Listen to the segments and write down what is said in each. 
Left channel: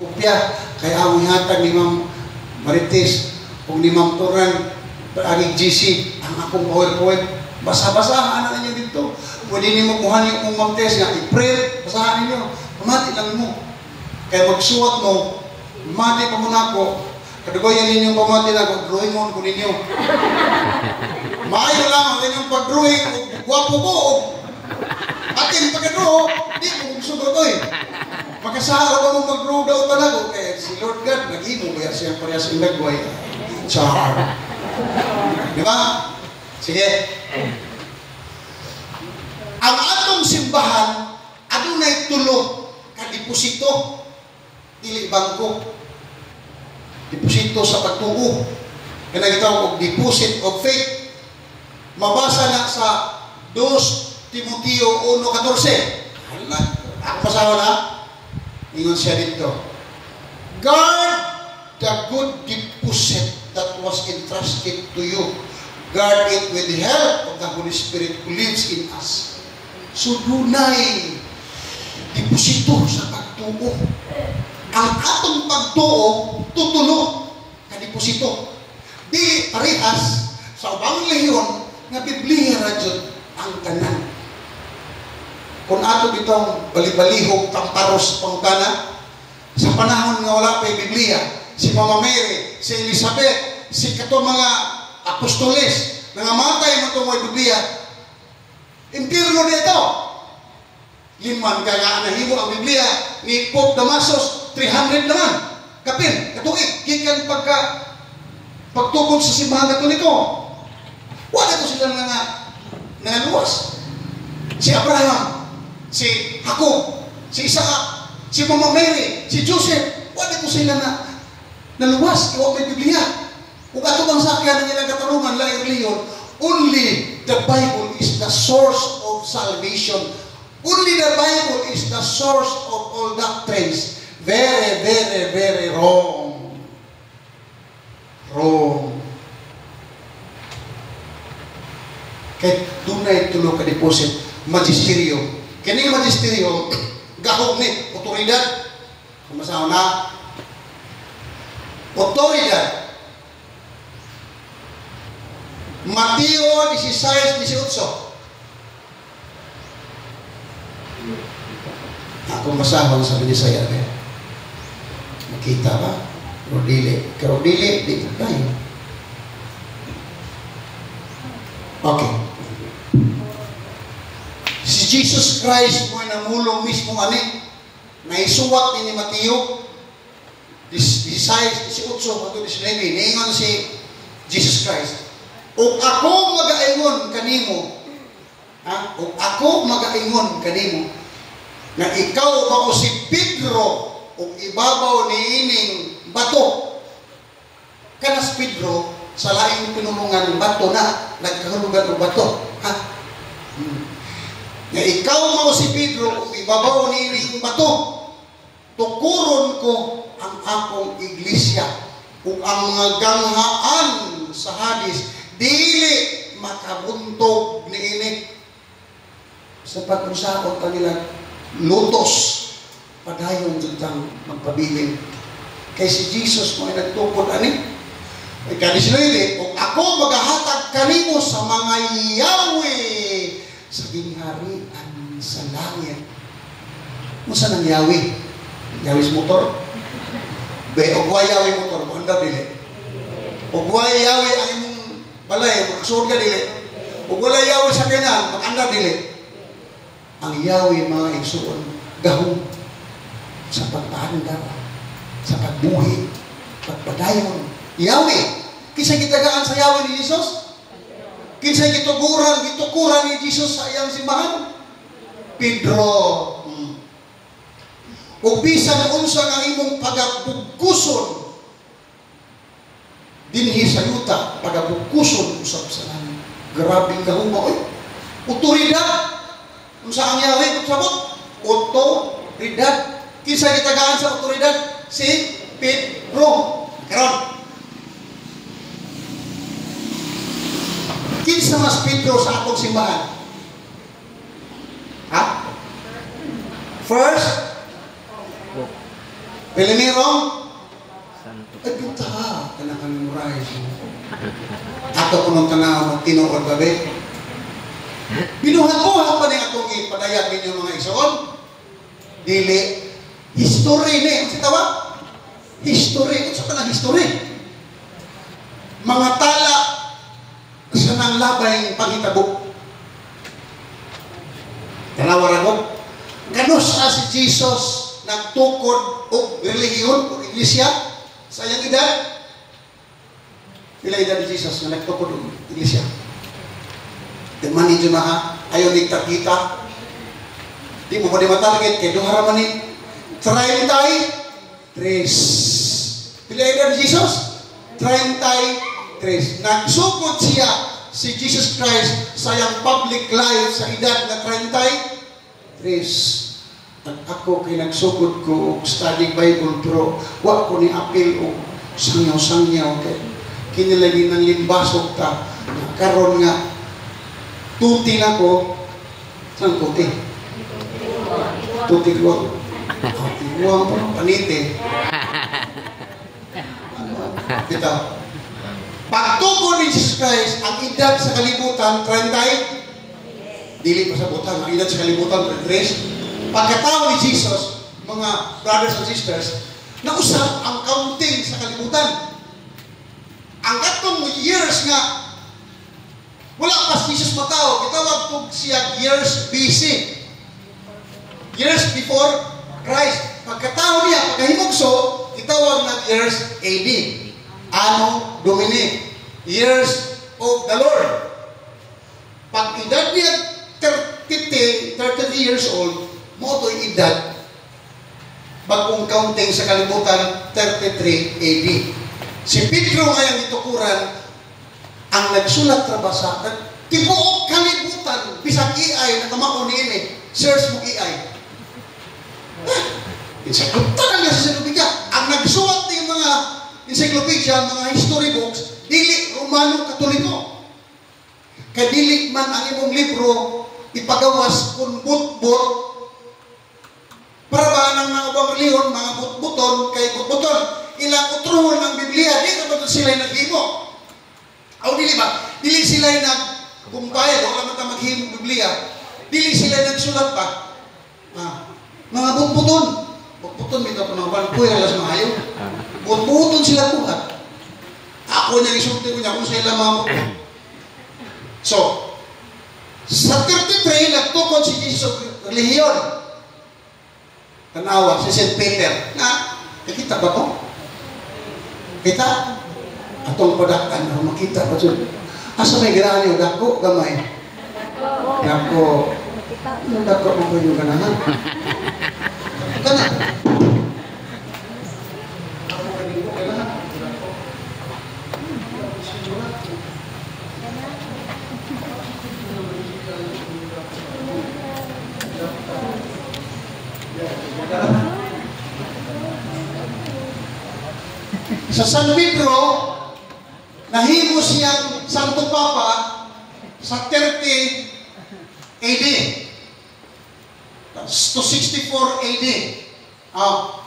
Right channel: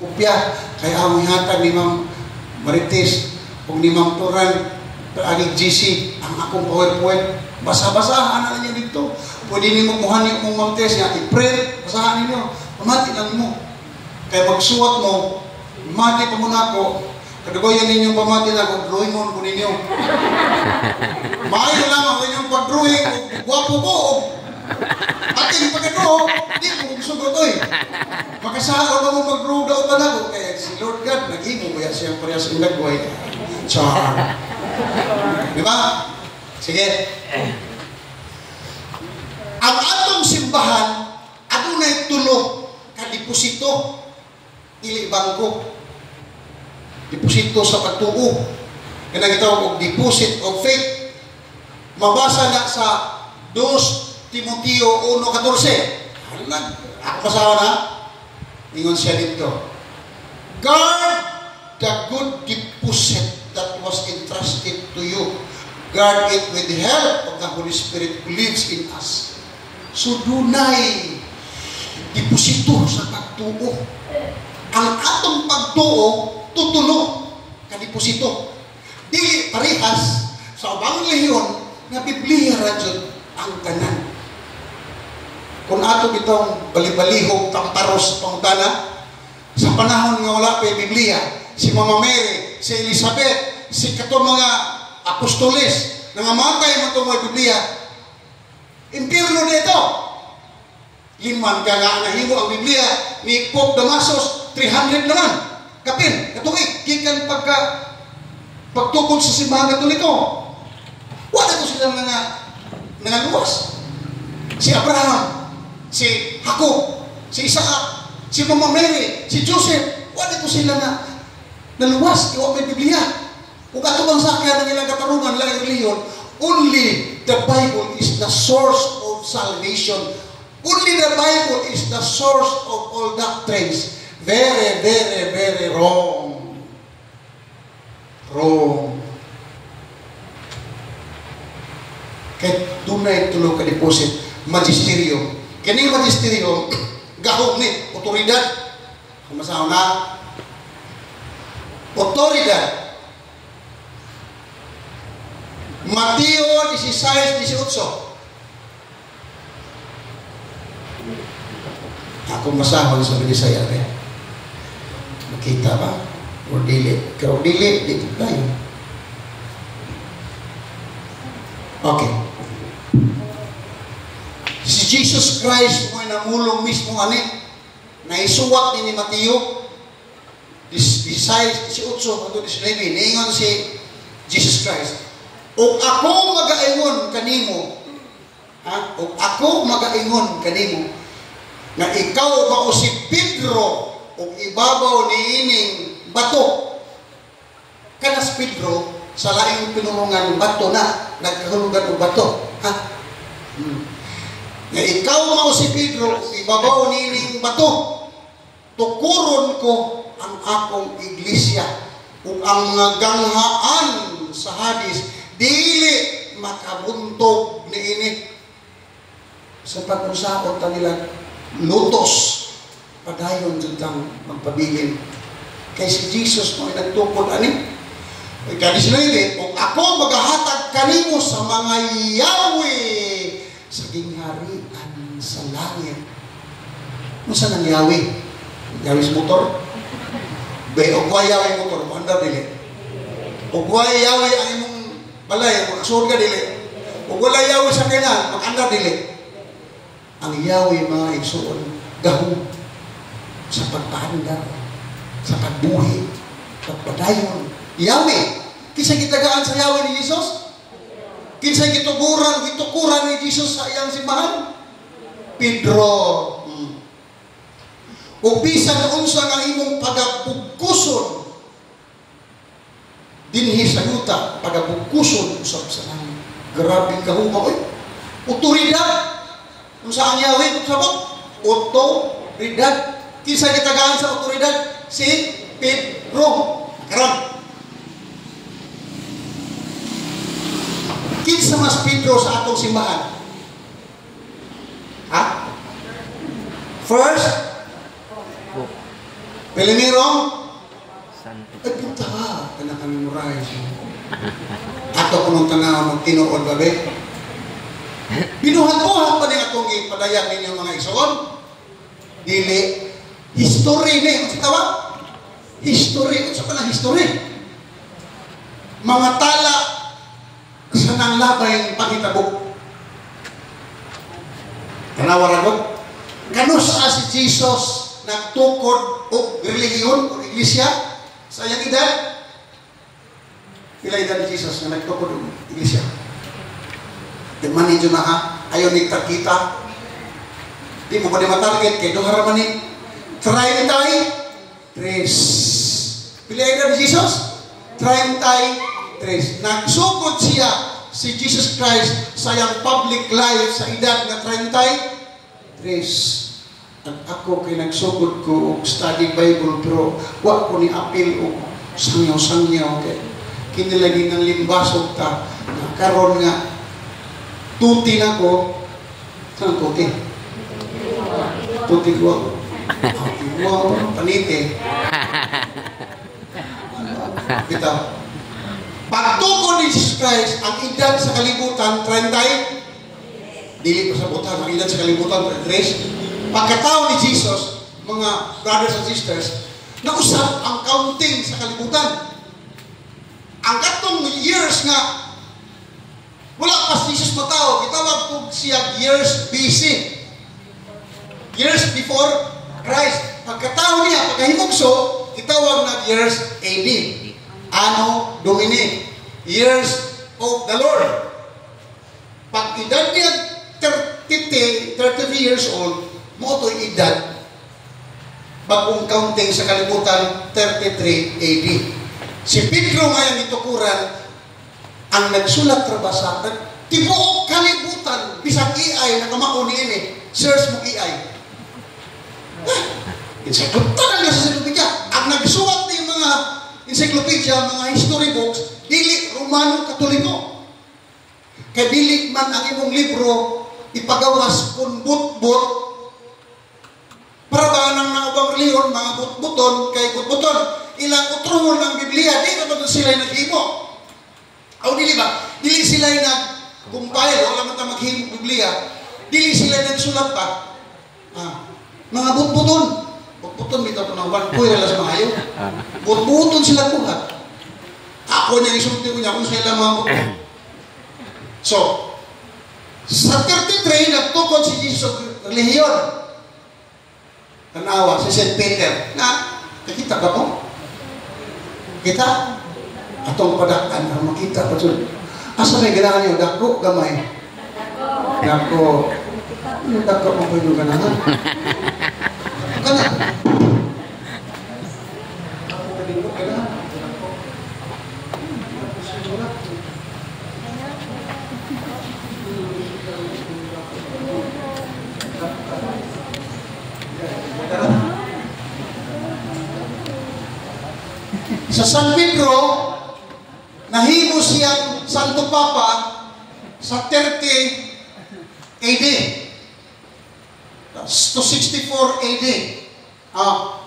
Kopya, kaya ang hatag ni Ma'am Marites o ni Ma'am Turan, ang GC, ang akong PowerPoint, basa-basahan na niyo dito. Pwede niyo makuha niyo kung Ma'am Tess nga, i-print, basahan niyo, pamati lang mo. Kaya magsuwat mo, pamati pa muna ako, kadugoyan ninyong pamati na ako, drawing mo ko ninyo. Maayo lang ang inyong pag-drawing, guwapo ko, ating pagkano, di mo gusto ko ito eh. Makasawa ba mo mag-grow daw talaga? Kaya si Lord God, nag-imo kaya siya parehas ang nagway. Char. Di ba? Sige. Ang atong simbahan, adunay tulo ka deposito, dili bangko. Deposito sa pagtuo. Kaya gitawag og deposit of faith. Mabasa na sa 2 Timoteo 1:14. Ako pasawa na. Ingon siya dito. Guard the good deposit that was entrusted to you. Guard it with the help of the Holy Spirit who lives in us. So dunay deposito sa pagtuo. Ang atong pagtuo tutulo ka deposito. Di parehas sa ubang lehiyon nga Biblia ra jud ang tanan. Kung ato itong balibalihog tamparos pangutana, sa panahon nga wala pa yung Biblia, si Mama Mary, si Elizabeth, si katong mga apostoles, nangamatay mo itong mga Biblia, impirno dito. Liman ka nga nahimo ang Biblia ni Pope Damasus, 300 naman. Kapin, katuig, kikan pagtukod sa simbahan ito. Wala ito silang nangaluwas. Si Abraham, si Jacob, si Isaac, si Mama Mary, si Joseph, wala ko sila naluwas, iwa may Biblia. Kung ato bang sakyan ng ilang katarungan, laing reliyon, only the Bible is the source of salvation. Only the Bible is the source of all doctrines. Very, very, very wrong. Wrong. Kaya tunay tulong ka deposit, magisterium. Kini magisterium, gahog ni, otoridad. Sumasaw na. Otoridad. Mateo 16:18. Ako masahon sa Bisaya rin. Makita ba? O dili. Pero dili, dito tayo. Okay. Si Jesus Christ mo namulong mismo ani na isuwat ni Mateo 16:18 hangtod 19 niingon si Jesus Christ, "Og ako magaingon kanimo, og ako magaingon kanimo na ikaw mao si Pedro og ibabaw niining bato." Kanas Pedro sa laing pinulungan bato na nagkahulugan og bato, ha? Na ikaw mao si Pedro, ibabaw nining bato, tukuron ko ang akong iglesia, ug ang mga ganghaan sa Hades dili makabuntog niini. Sa pag-usapon kanila lutos padayon jud kang magpabilin. Kay si Jesus mo nagtukod ani. Kaya sinabi, kung ako maghahatag kanimo sa mga Yahweh sa gingharian sa langit. Kung saan ang Yahweh? Yahweh sa motor? Ogway Yahweh motor, manda dili. Ogway Yahweh ang imong balay, magsurga ka dili. Ogwala Yahweh sa kanan, mag-anda dili. Ang Yahweh mga igsuon, gahong sa pagpanda, sa pagbuhi, pagpadayon. Yahweh, kinsa gitagaan sa Yahweh ni Jesus? Kinsa gitukuran ni Jesus sa iyang simbahan? Pedro. Ug bisan unsa nga imong pagabugkuson dinhi sa yuta, pagabugkuson usab sa langit. Grabe ka humo oy. Otoridad. Unsa ang Yahweh sabot? Otoridad. Kinsa gitagaan sa otoridad? Si Pedro. Karon. Kinsa mas Pedro sa atong simbahan? Ha? First Pilimirong, ay puta, memorize. Ato ko nung tanaw ng tinuod babe. Binuhat-buhat pa niya itong ipadayag ninyo mga igsoon. Dili, history ni. Ang sitawa? History. Sa ka na history? Mga tala sa nang labay panghitabok. Tanawar ako. Ganun sa si Jesus nagtukod o relihiyon o iglesia sa iyang edad. Pila edad ni Jesus na nagtukod o iglesia? Demani dyan na ha. Ayaw nagtarkita. Di mo pa di matarget kay dohara man ni. Try tayo. Tres. Pila edad ni Jesus? 33. Nagsugod siya si Jesus Christ sa iyang public life sa edad na 33. At ako kay nagsugod ko study Bible pero wa ko ni apil o sangyaw-sangyaw kay kinilagay ng limbasog ta na karon nga tuti na ko saan tuti? Tuti ko panite kita pagtukod ni Jesus Christ ang edad sa kalibutan 30 dili pa sa butang ang edad sa kalibutan 33. Pagkatao ni Jesus, mga brothers and sisters, nausap ang counting sa kalibutan. Ang katong years nga, wala pa si Jesus matao, kitawag po siya years BC. Years before Christ. Pagkatao niya, pagkahimugso, kitawag na years AD. Anno Domini. Years of the Lord. Pag edad niya 33 years old, mo ito'y edad bagong counting sa kalibutan 33 AD. Si Pedro ngayon itukuran ang nagsulat trabasa tibuok kalibutan bisag AI nakamao ni ini search mo AI encyclopedia sa encyclopedia ang nagsulat ng mga encyclopedia mga history books dili Romano Katoliko kay dili man ang imong libro ipagawas kung but-but para ba nang naubang reliyon, mga but-buton, kay but-buton, ilang utruhon ng Biblia, di na ba sila'y naghimo? O dili ba? Dili sila'y naggumpay, wala man ta maghimo Biblia, dili sila'y nagsulat pa. Mga but-buton, but-buton, bitaw ko na wanpoy, alas mahayo. But-buton sila buhat. Ako niya isulti ko niya kung sila mga but-buton. So, sa 33, nagtukod si Jesus relihiyon. Tanawa, si St. Peter, na, nakita ba ko? Kita? Atong padaktan, makita pa siya. Asa may ganahan niyo? Dako, gamay. Dako. Dako mo ko yung ganahan. Kana. Dako ka din mo, ganahan. Sa San Pedro, nahimo siyang Santo Papa sa 30 AD to 64 AD.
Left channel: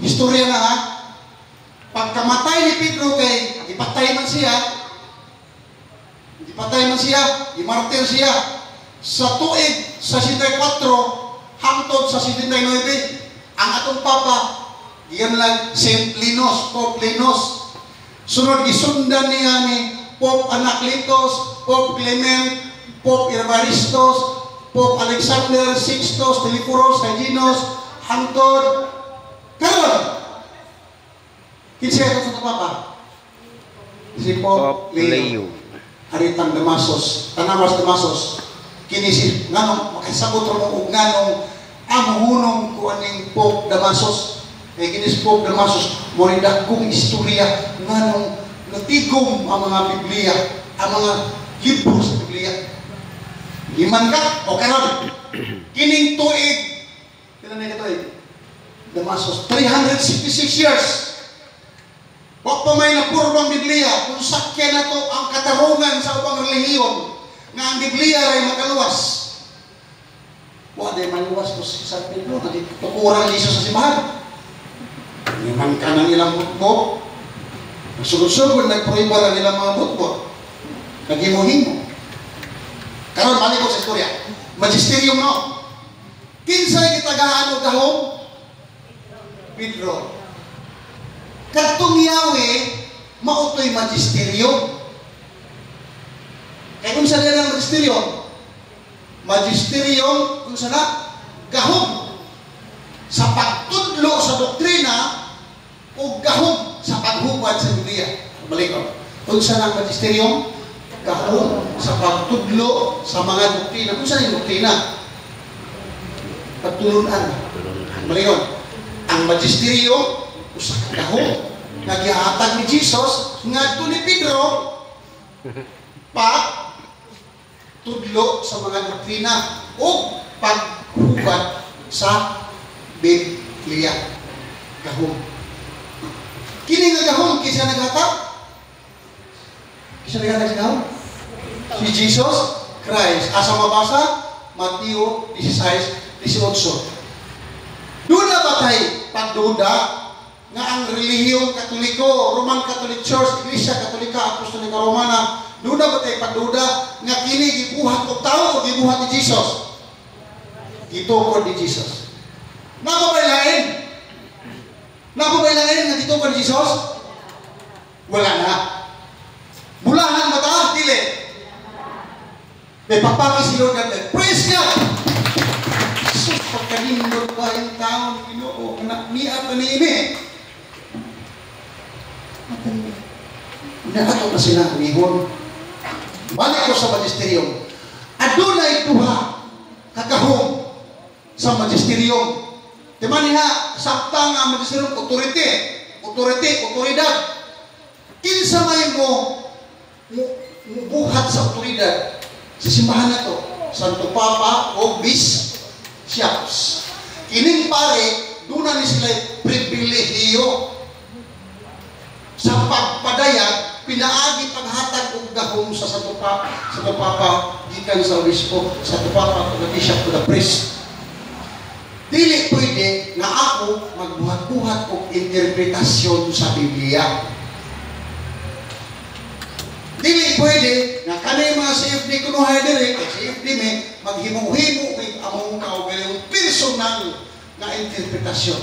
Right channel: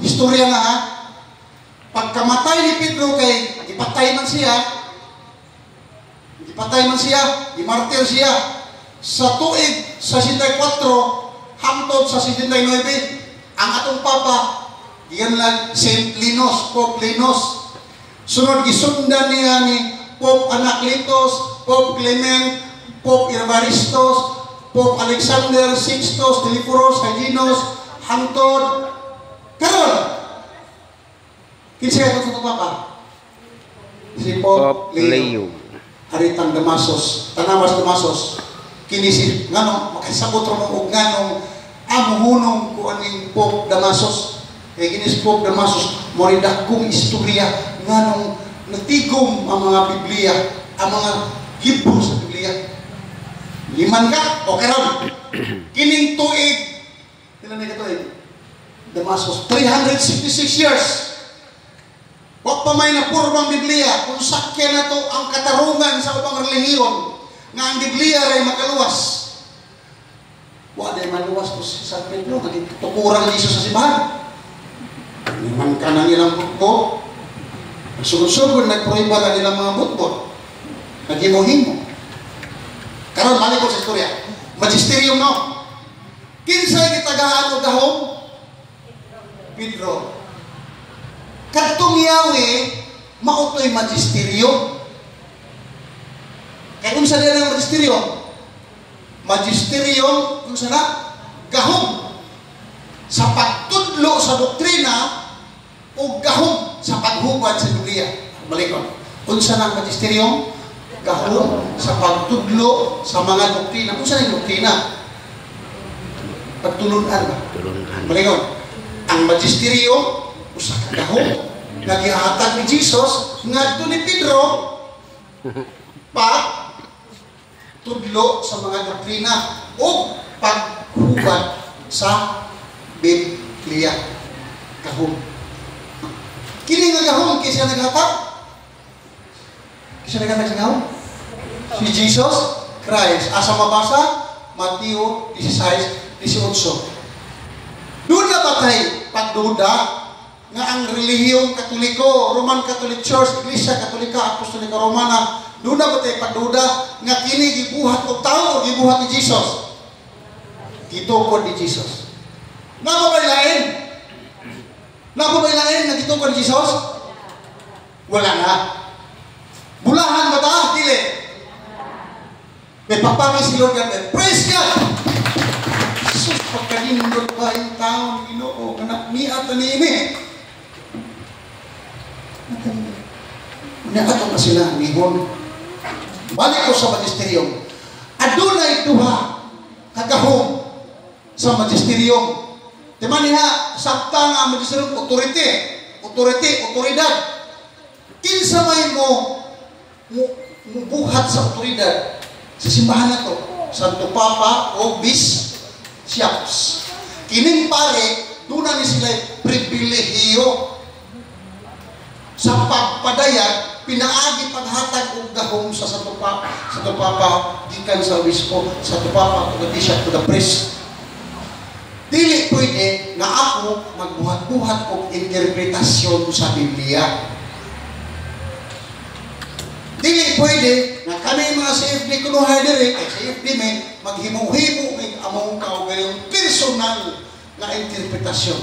Historia na ha. Pagkamatay ni Pedro kay ipatay man siya, imartir siya sa tuig sa 64 hangtod sa 79 ang atong Papa diyan lang Saint Linus, Pope Linus. Sunod gisundan niya ni Pope Anacletus, Pope Clement, Pope Evaristo, Pope Alexander, Sixtus, Teleforos, Hyginus, hangtod karon. Kinsa ito sa Papa? Si Pope Leo. Aritang Damasos, Tanawas Damasos. Kinisip ngano makasabot ra mo og nganong amuhunong ko aning Pope Damasos. Kay kinis Pope Damasos mo rin dakong istorya nganong natigom ang mga Biblia, ang mga libro sa Biblia. Liman ka o karon kining tuig pila na katuig Damasos 366 years. Wa pa may napurmang Biblia kung sakyan na to ang katarungan sa ubang relihiyon nga ang Biblia ray makaluwas. Wa day maluwas ko sa San Pedro, nagtukurang Jesus sa simbahan. Niman ka ng ilang butbot. Sugod-sugod, nagproiba lang ilang mga butbot. Naghimuhin mo. Karon balik ko sa istorya. Magisterium no. Kinsay gitagaan og gahom? Pedro. Kadtong Yawe mautoy magisterium. Kaya kung saan yan ang magisterium? Magisterium, kung saan na? Gahom. Sa pagtudlo sa doktrina o gahom sa paghubad sa Biblia. Balik ko. Kung saan ang magisterium? Gahom sa pagtudlo sa mga doktrina. Kung saan ang doktrina? Pagtulunan. Balik ko. Ang magisterium, usa ka gahom. Nagihatag ni Jesus, ngadto ni Pedro, tudlo sa mga doktrina o paghubad sa Biblia. Gahom. Kini nga gahom, kisa naghatag? Kisa naghatag sa gahom? Si Jesus Christ. Asa mabasa? Mateo 16:18. Doon na ba tayo pagduda nga ang relihiyong Katoliko, Roman Catholic Church, Iglesia Katolika, Apostolika Romana, doon na ba tayo pagduda nga kini gibuhat og tao o gibuhat ni Jesus? Gitukod ni Jesus. Napabaylain? Napabaylain na gitukod ni Jesus? Wala na. Bulahan ba ta? Dili. May papangay si Lord God. Praise God! Sus, pagkalindot ba yung tao ni Ginoo? Anak niya at anime. Naato pa sila nihon. Balik ko sa magisterium. Adunay duha kagahom sa magisterium. Timan niya, sakta nga magisterium, otoridad. Kinsa may mo buhat sa otoridad sa simbahan na to, Santo Papa o Bishops. Kining pare, doon na ni sila pribilehiyo sa pagpadayag, pinaagi paghatag og gahom sa Santo Papa, gikan sa obispo, Santo Papa to the bishop to the priest. Dili pwede na ako magbuhat-buhat og interpretasyon sa Biblia. Dili pwede na kanay mga CFD kunuhay diri, kay CFD may maghimo-himo may among kaugaling personal na interpretasyon.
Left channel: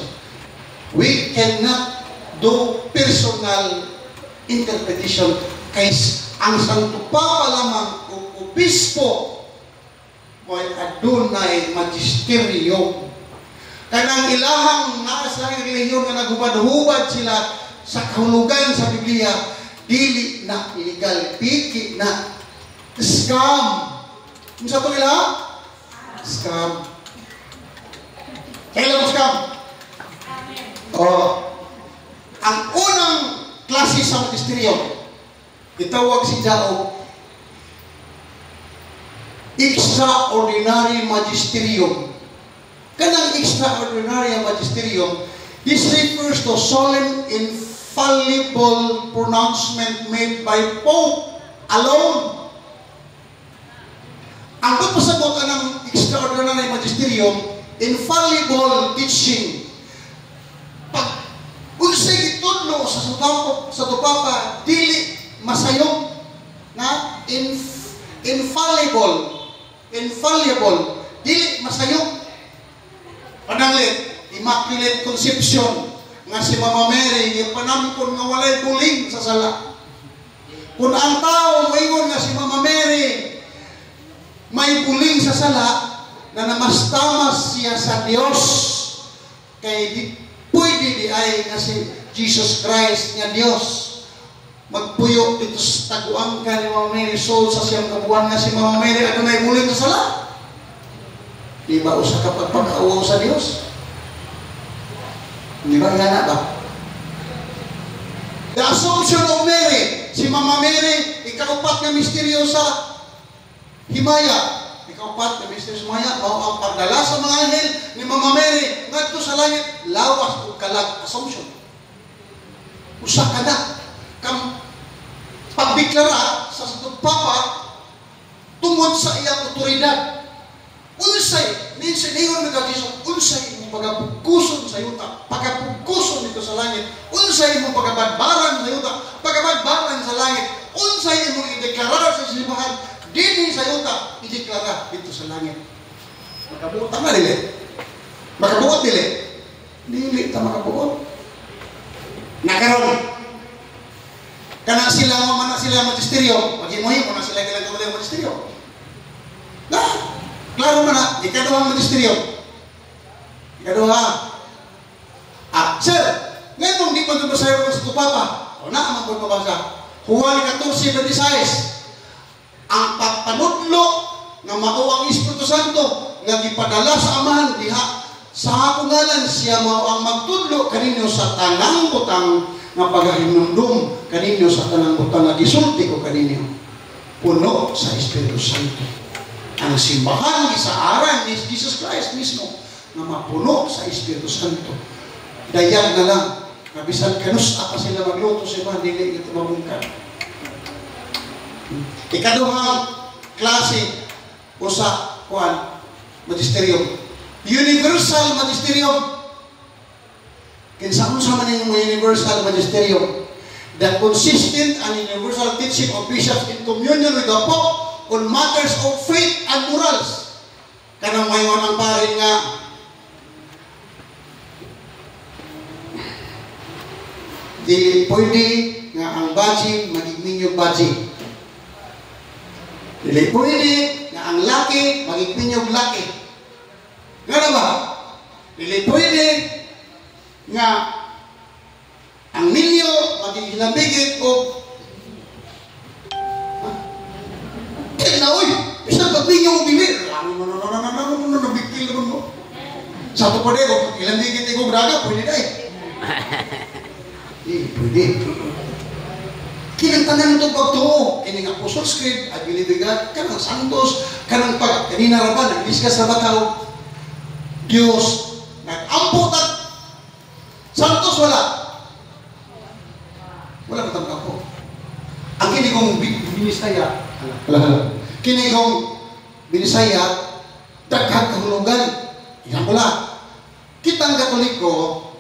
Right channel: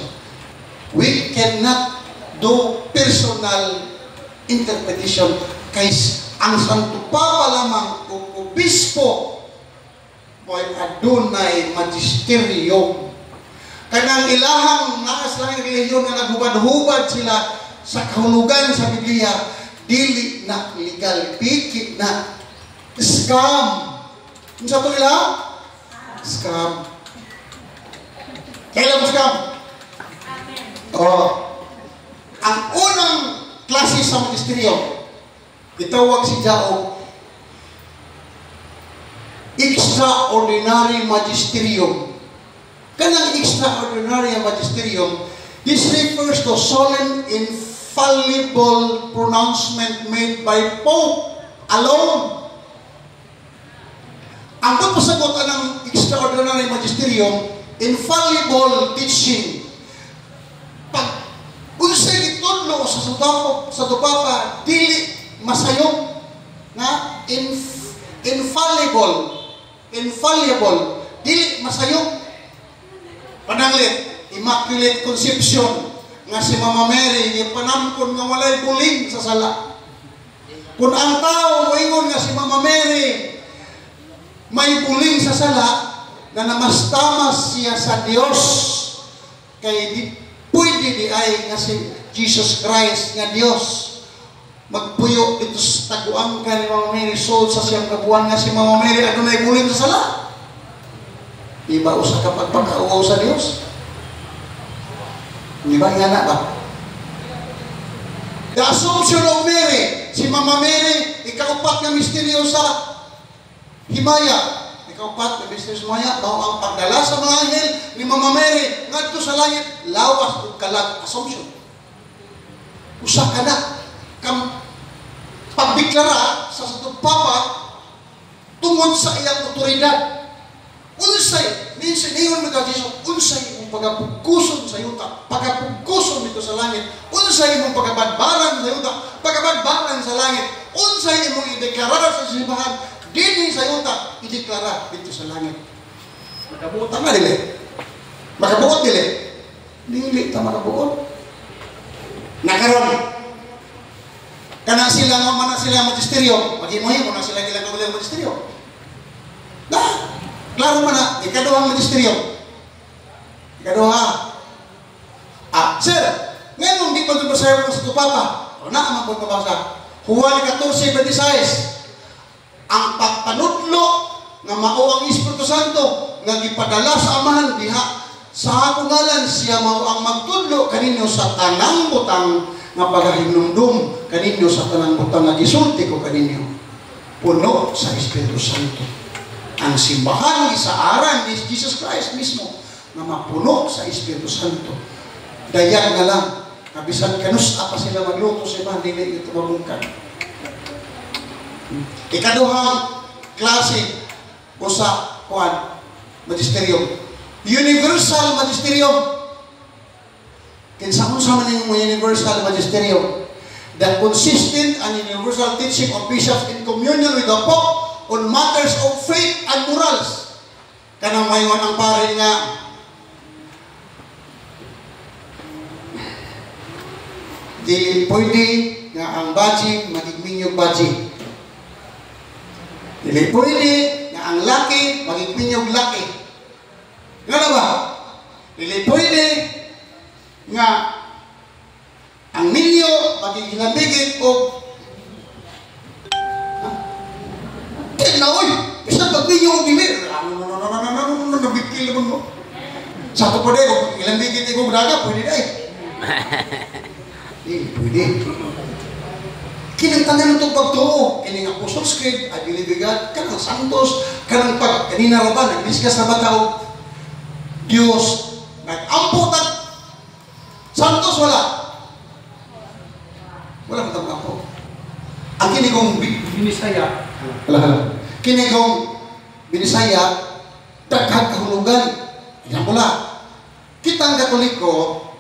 We cannot do personal interpretation kay ang Santo Papa lamang o obispo mo'y adunay magisterium. Kanang ilahang naas lang relihiyon na naghubad-hubad sila sa kahulugan sa Biblia, dili na legal, pikit na scam. Kung sa ito nila? Scam. Kailan mo scam? Ang unang klase sa magisterium, itawag si Jao extraordinary magisterium. Kanang extraordinary magisterium, this refers to solemn infallible pronouncement made by Pope alone. Ang pagpasagot ng extraordinary magisterium, infallible teaching. Pag unsay gitudlo sa Papa, dili masayong na infallible, dili masayong. Pananglit, Immaculate Conception nga si Mama Mary ipanamkon nga walay buling sa sala. Kung ang tao moingon nga si Mama Mary may buling sa sala, na namastamas siya sa Dios, kay di pwede di ay nga si Jesus Christ nga Dios magpuyo dito sa taguang ka ni Mama Mary soul sa siyang kabuan nga si Mama Mary adunay buling sa sala. Di ba usa ka pagpakauaw sa Dios? Di ba nga na ba? The Assumption of Mary, si Mama Mary, ikaupat na misteryo sa himaya. Ikaupat na misteryo sa himaya, mao ang pagdala sa mga anghel ni Mama Mary ngadto sa langit, lawas ug kalag. Assumption. Usa ka na kam pagbiklara sa Santo Papa tungod sa iyang otoridad. Unsay, minsan niyon mga Jesus, unsay imong pagapugkuson sa yuta, pagapugkuson dito sa langit, unsay imong pagabadbaran sa yuta, pagabadbaran sa langit, unsay imong ideklara sa simbahan, dinhi sa yuta, ideklara dito sa langit. Makabuot tama dili. Makabuot dili. Dili ta makabuot. Nakaron. Kana sila mo man sila magisteryo, maghimuhi mo na sila ilang kaulang magisteryo. Klaro man na, ikaduhang magisteryo. Ikaduha. Sir, ngayon di pa ito basahin mo sa tupata. O na ang magpapabasa. Juan 14:26. Ang pagpanudlo na mao ang Espiritu Santo nga gipadala sa Amahan diha sa akong ngalan siya mao ang magtudlo kaninyo sa tanang butang nga pagahinumdum kaninyo sa tanang butang nga gisulti ko kaninyo. Puno sa Espiritu Santo. Ang simbahan isaaran ni Jesus Christ mismo na mapuno sa Espiritu Santo. Dayag na lang. Nabisan kanus apa sila magluto sa iba, hindi ito mabungkan. Ikaduhang klase o sa magisterium. Universal magisterium. Kinsa-unsa man yung universal magisterium. The consistent and universal teaching of bishops in communion with the Pope on matters of faith and morals. Kanang mayon ang pare nga di pwede nga ang baji magigminyog baji. Dili pwede nga ang laki magigminyog laki. Ngano ba? Dili pwede nga ang milyo magigilabigit o na oy, bisa pagminyo og dimir. Nabikil naman mo. Sa to pa dito, ilang bigit ko braga, pwede dai. Pwede. Kinantanan itong pagtuo. Kining Apostles' Creed, I believe in God, kanang santos, kanang pag, kanina na ba, naglisgas na bataw, Diyos, nag-ampot at santos, wala. Wala na itong ampot. Ang kinigong binisaya, kinigong binisaya, daghang kahulugan. Yan pula. Kitang Katoliko,